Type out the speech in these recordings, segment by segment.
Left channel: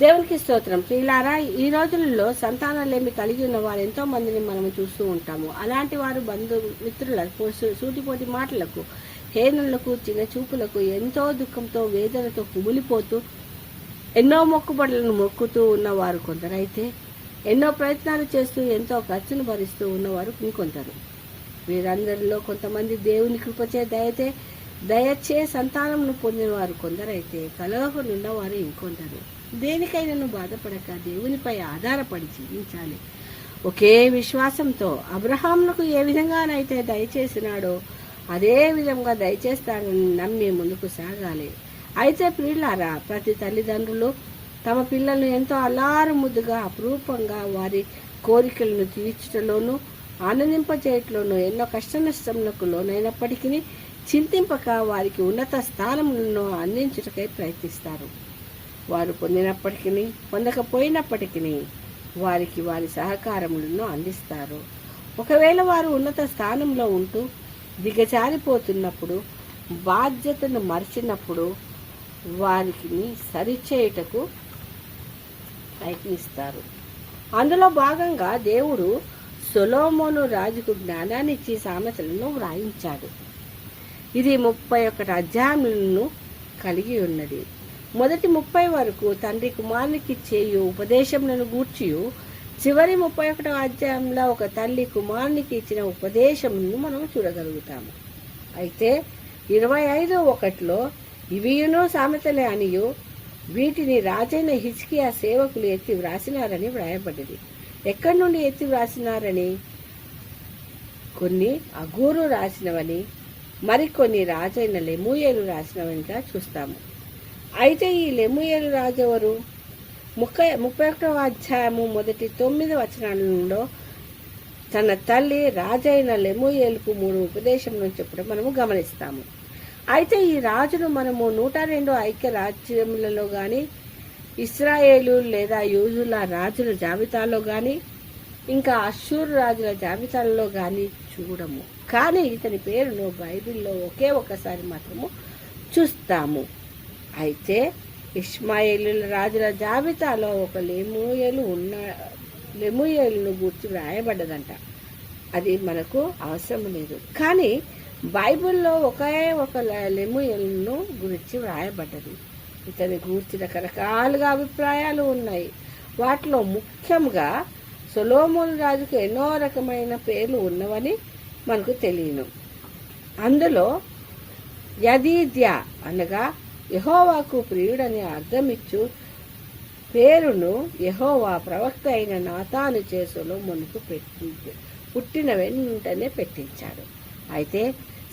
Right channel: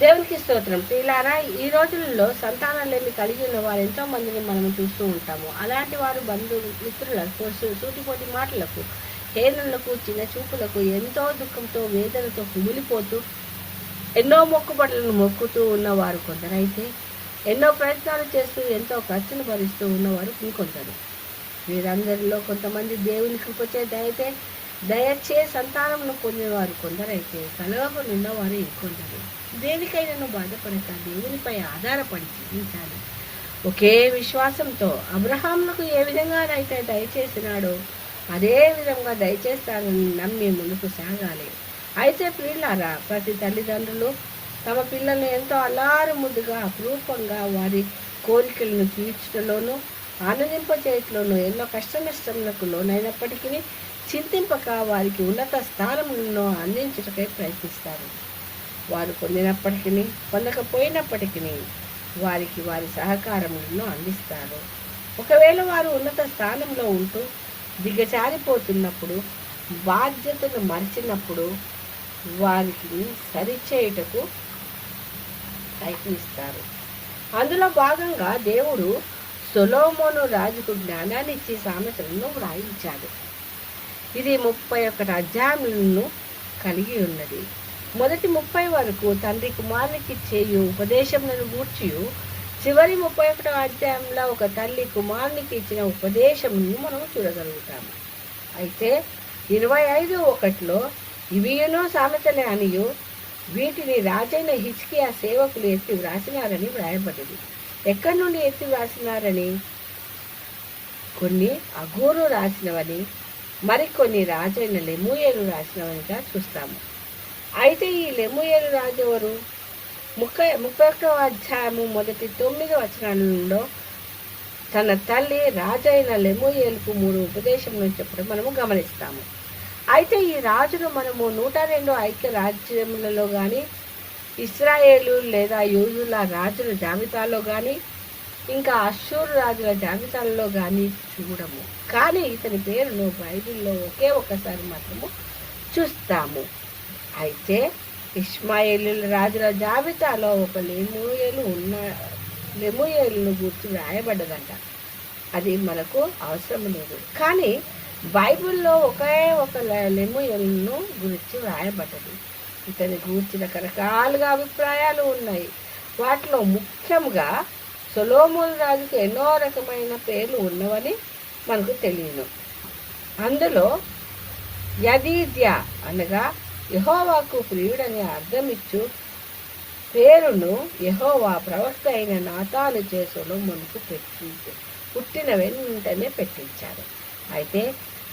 దేవునికి స్తోత్రం. ప్రియులారా, ఈ రోజులలో సంతానాలేమి కలిగి ఉన్న వారు ఎంతో మందిని మనం చూస్తూ ఉంటాము. అలాంటి వారు మిత్రులకు, సూటిపోటి మాటలకు, హేళనలకు, చిన్న చూపులకు ఎంతో దుఃఖంతో, వేదనతో కుమిలిపోతూ ఎన్నో మొక్కుబడులను మొక్కుతూ ఉన్నవారు కొందరైతే, ఎన్నో ప్రయత్నాలు చేస్తూ ఎంతో ఖర్చును భరిస్తూ ఉన్నవారు ఇంకొందరు. వీరందరిలో కొంతమంది దేవుని కృపచేత అయితే దయచే సంతానంను పొందినవారు కొందరైతే, కలవకు నిన్నవారు ఇంకొందరు. దేనికైనా బాధపడక దేవునిపై ఆధారపడి జీవించాలి. ఒకే విశ్వాసంతో అబ్రహామునకు ఏ విధంగానైతే దయచేసినాడో అదే విధంగా దయచేస్తానని నమ్మి ముందుకు సాగాలి. అయితే ప్రియులారా, ప్రతి తల్లిదండ్రులు తమ పిల్లలను ఎంతో అల్లారు ముద్దుగా, అపురూపంగా వారి కోరికలను తీర్చడంలోనూ ఆనందింపచేయట్లోనూ ఎన్నో కష్ట నష్టములకు లోనైనప్పటికీ చింతింపక వారికి ఉన్నత స్థానములను అందించుటకై ప్రయత్నిస్తారు. వారు పొందినప్పటికీ పొందకపోయినప్పటికీ వారికి వారి సహకారములను అందిస్తారు. ఒకవేళ వారు ఉన్నత స్థానంలో ఉంటూ దిగజారిపోతున్నప్పుడు, బాధ్యతను మరిచినప్పుడు వారికి సరిచేయుటకు ప్రయత్నిస్తారు. అందులో భాగంగా దేవుడు సొలొమోను రాజుకు జ్ఞానాన్నిచ్చి సామెతలను వ్రాయించాడు. ఇది 31 అధ్యాయములను కలిగి ఉన్నది. మొదటి 30 వరకు తండ్రి కుమారునికి చేయు ఉపదేశములను గూర్చియు, చివరి 31వ అధ్యాయంలో ఒక తల్లి కుమారునికి ఇచ్చిన ఉపదేశమును మనం చూడగలుగుతాము. అయితే 25:1 ఇవియును సామెతలే అనియు, వీటిని రాజైన హిజ్కియా సేవకులు ఎత్తి వ్రాసినారని వ్రాయబడ్డది. ఎక్కడి నుండి ఎత్తి వ్రాసినారని? కొన్ని అగూరు రాసినవని, మరికొన్ని రాజైన లెమూయేలు రాసినవనిగా చూస్తాము. అయితే ఈ లెమూయేలు రాజు ఎవరు? 31వ అధ్యాయము మొదటి 9 వచనాలలో తన తల్లి రాజైన లెమూయేలుకు 3 ఉపదేశములను చెప్పడం మనము గమనిస్తాము. అయితే ఈ రాజును మనము 102 ఐక్య రాజ్యములలో కానీ, ఇస్రాయేలు లేదా యూదుల రాజుల జాబితాలో కానీ, ఇంకా అష్షూరు రాజుల జాబితాలలో కానీ చూడము. కానీ ఇతని పేరును బైబిల్లో ఒకే ఒక్కసారి మాత్రము చూస్తాము. అయితే ఇష్మాయేలీల రాజుల జాబితాలో ఒక లెమూయేలును గుర్తు వ్రాయబడ్డదంట. అది మనకు అవసరం లేదు. కానీ బైబిల్లో ఒకే ఒక లెమూయేలును గురించి వ్రాయబడ్డది. ఇతని గూర్చి రకరకాలుగా అభిప్రాయాలు ఉన్నాయి. వాటిలో ముఖ్యంగా సొలొమోను రాజుకు ఎన్నో రకమైన పేర్లు ఉన్నవని మనకు తెలియను. అందులో యదీద్యా అనగా యెహోవాకు ప్రియుడని అర్థమిచ్చు పేరును యెహోవా ప్రవక్త అయిన నాతాను చే సొలొమోనుకు పుట్టిన వెంటనే పెట్టించాడు. అయితే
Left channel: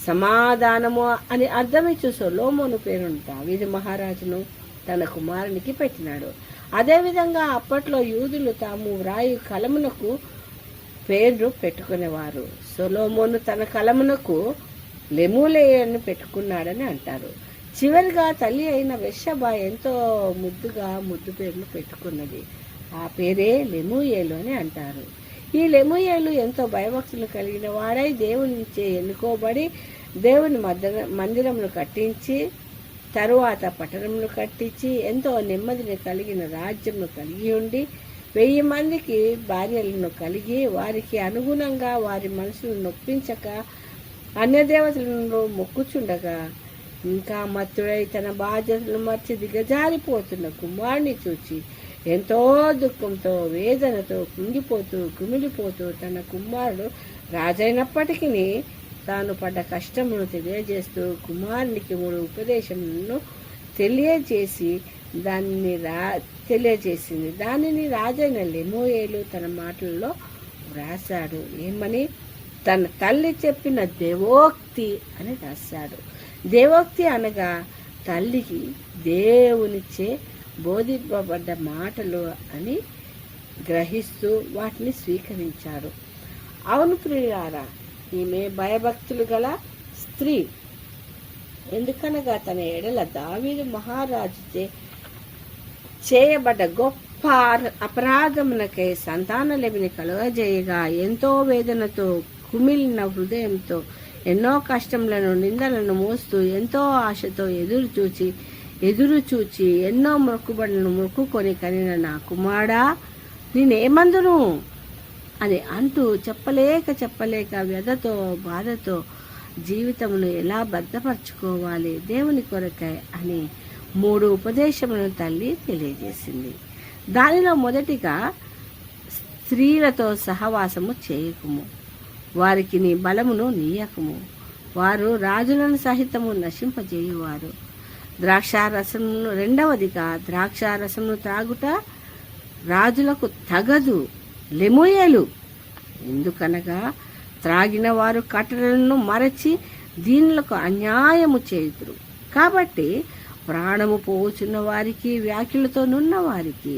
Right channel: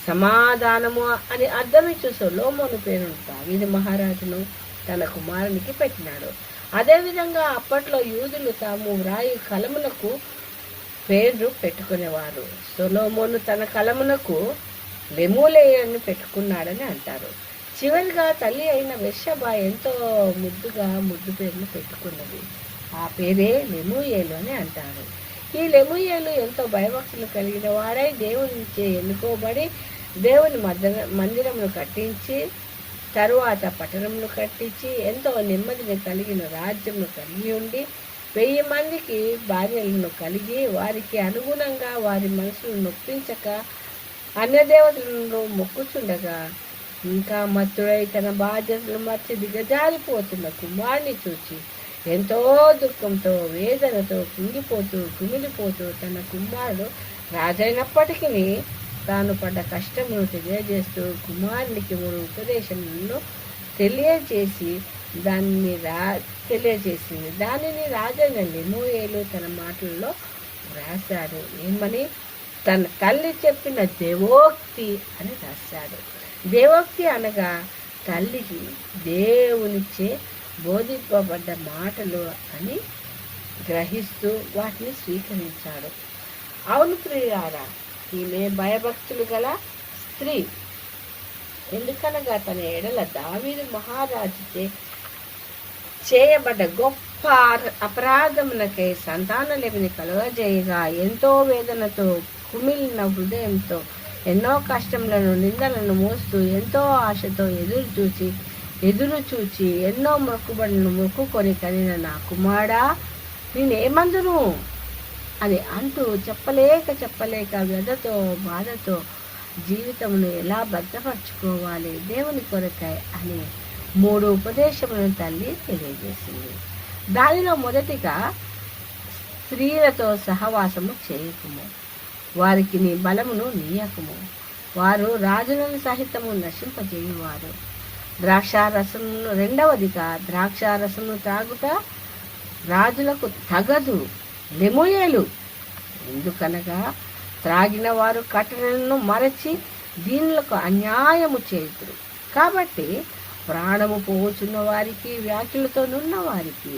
సమాధానము అని అర్థమిచ్చు సొలొమోను పేరును దావీదు మహారాజును తన కుమారునికి పెట్టినాడు. అదేవిధంగా అప్పట్లో యూదులు తాము వ్రాయు కలమునకు పేర్లు పెట్టుకునేవారు. సొలొమోను తన కలమునకు లెమూయేలును పెట్టుకున్నాడని అంటారు. చివరిగా తల్లి అయిన బెత్షెబా ఎంతో ముద్దు పేరును పెట్టుకున్నది. ఆ పేరే లెమూయేలు అని అంటారు. ఈ లెమూయేలు ఎంతో భయభక్తులు కలిగిన వాడై దేవునిచే ఎన్నుకోబడి దేవుని మందిరమును కట్టించి, తరువాత పట్టణమును కట్టించి ఎంతో నెమ్మదిని కలిగిన రాజ్యమును కలిగి ఉండి 1000 మందికి భార్యలను కలిగి వారికి అనుగుణంగా వారి మనసులను నొప్పించక అన్యదేవతలను మొక్కుచుండగా ఇంకా మత్తుడై తన బాధ్యతలు మర్చి దిగజారిపోతున్న కుమారుని చూచి ఎంతో దుఃఖంతో, వేదనతో కుంగిపోతూ కుమిలిపోతూ తన కుమారుడు రాజైనప్పటికీ తాను పడ్డ కష్టమును తెలియజేస్తూ కుమారునికి 3 ఉపదేశములను తెలియజేసింది. దానిని రాజైన లెమూయేలు తన మాటల్లో వ్రాశాడు. ఏమని? తన తల్లి చెప్పిన దేవోక్తి అని రాశాడు. దేవోక్తి అనగా తల్లికి దేవునిచే బోధింపబడ్డ మాటలు అని గ్రహిస్తూ వాటిని స్వీకరించాడు. అవును ప్రియులారా, ఈమె భయభక్తులు గల స్త్రీ. ఎందుకనగా తన ఎడల దావీదు మహారాజుచే చేయబడ్డ గొప్ప అపరాధమునకై సంతానలేమిని కలుగజేయగా ఎంతో వేదనతో కుమిలిన హృదయంతో ఎన్నో కష్టములను నిందలను మోస్తూ ఎంతో ఆశతో ఎదురు చూచి ఎదురు చూచి ఎన్నో మొక్కుబడులను మొక్కుకొని కనిన నా కుమారుడా నేనేమందును అని అంటూ చెప్పలేక వ్యధతో బాధతో జీవితమును ఎలా భద్రపరచుకోవాలి దేవుని కొరకై అని 3 ఉపదేశములను తల్లి తెలియజేసింది. దానిలో మొదటిగా, స్త్రీలతో సహవాసము చేయకుము, వారికి నీ బలమును నీయకుము, వారు రాజులను సహితము నశింపజేయువారు. ద్రాక్షారసమును రెండవదిగా, ద్రాక్షారసమును త్రాగుట రాజులకు తగదు, లెమూయేలు. ఎందుకనగా త్రాగిన వారు కట్టడలను మరచి దీనులకు అన్యాయము చేయుదురు. కాబట్టి ప్రాణము పోచున్న వారికి వ్యాఖ్యలతో నున్న వారికి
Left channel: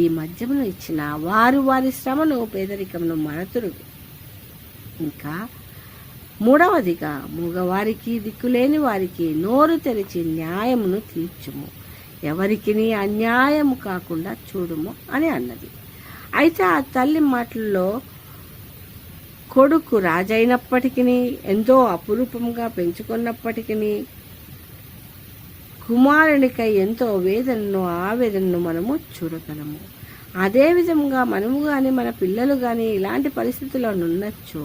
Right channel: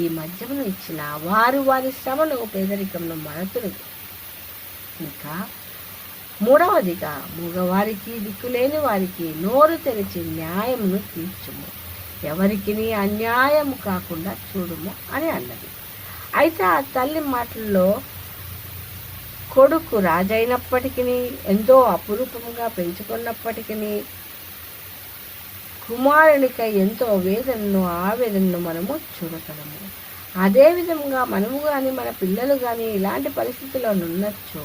ఈ మద్యమును ఇచ్చిన వారు వారి శ్రమను పేదరికమును మరతురు. ఇంకా మూడవదిగా, మూగవారికి దిక్కులేని వారికి నోరు తెరిచి న్యాయమును తీర్చుము, ఎవరికి అన్యాయము కాకుండా చూడుము అని అన్నది. అయితే ఆ తల్లి మాటల్లో కొడుకు రాజైనప్పటికీ, ఎంతో అపురూపంగా పెంచుకున్నప్పటికీ, కుమారునికై ఎంతో వేదనను ఆవేదనను మనము చూడగలము. అదేవిధంగా మనము కానీ మన పిల్లలు కానీ ఇలాంటి పరిస్థితుల్లో ఉన్నచ్చో,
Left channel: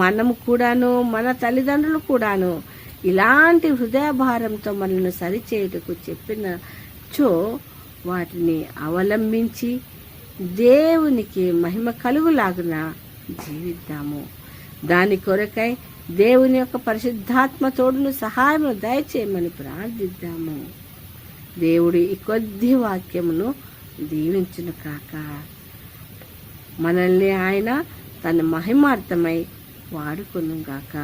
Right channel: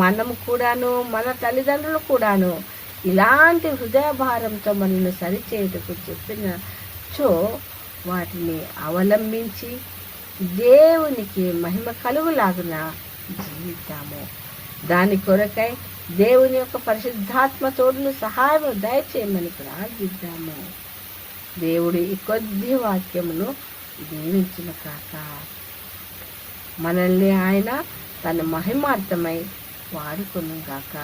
మనము కూడాను మన తల్లిదండ్రులు కూడాను ఇలాంటి హృదయభారంతో మనల్ని సరిచేయుటకు చెప్పినచో వాటిని అవలంబించి దేవునికి మహిమ కలుగులాగున జీవిద్దాము. దాని కొరకై దేవుని యొక్క పరిశుద్ధాత్మ తోడును సహాయము దయచేయమని ప్రార్థిద్దాము. దేవుడి ఈ కొద్ది వాక్యమును దీవించును కాక. మనల్ని ఆయన తన మహిమార్థమై వాడుకొను గాక.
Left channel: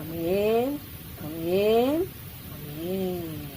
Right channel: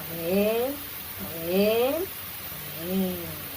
ఆమేన్, ఆమేన్, ఆమేన్.